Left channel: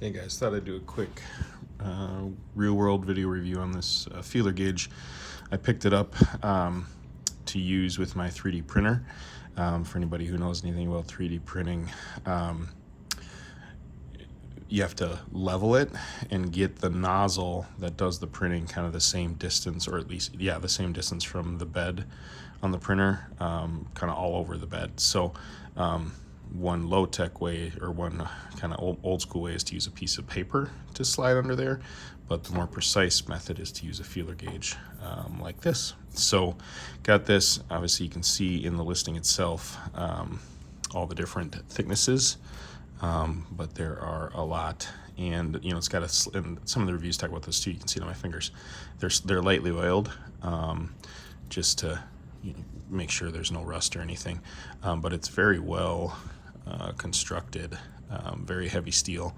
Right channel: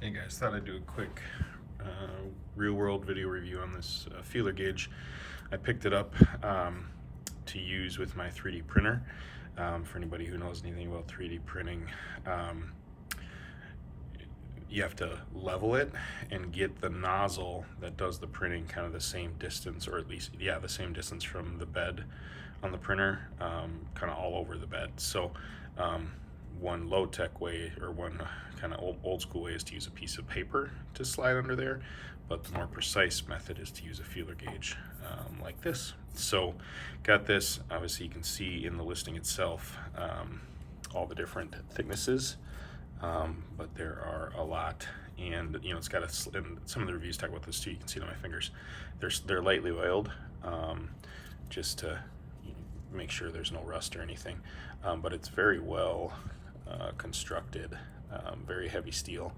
Hey guys, thought I'd do a quick real-world video review on this feeler gauge. I picked it up to use with my 3D printer. For anybody who knows anything about 3D printing, you have to level it and get the nozzle that does the printing kind of the same distance, or at least, yeah, the same distance from the bed on the printer, kind of all over the bed. So one low-tech way, or one kind of old school way, is to use a piece of paper to slide under there, but the more precise method is to use a feeler gauge like this. So got this. Obviously you can see in the listing itself all the different thicknesses, but there are a lot, and you know, it's got and some of the reviews talk about this too. You can see it on my fingers. They're lightly oiled, just to make sure there's no rust or anything, but it's very well constructed, very heavy steel,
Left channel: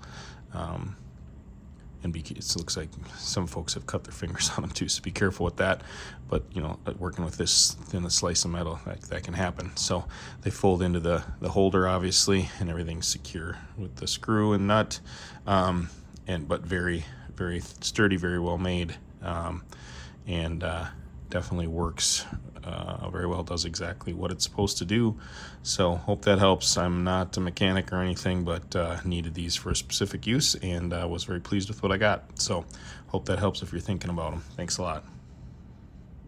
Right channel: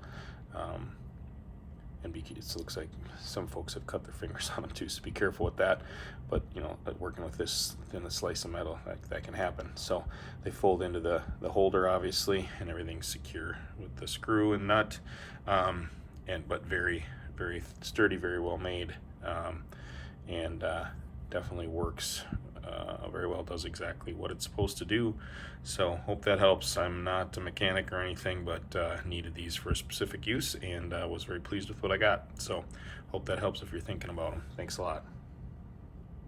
and it looks like some folks have cut their fingers on them too, so be careful with that. But you know, working with this thin a slice of metal, that can happen. So they fold into the holder, obviously, and everything's secure with the screw and nut, but very sturdy, very well made, and definitely works very well, does exactly what it's supposed to do. So hope that helps. I'm not a mechanic or anything, but needed these for a specific use, and was very pleased with what I got. So hope that helps if you're thinking about them. Thanks a lot.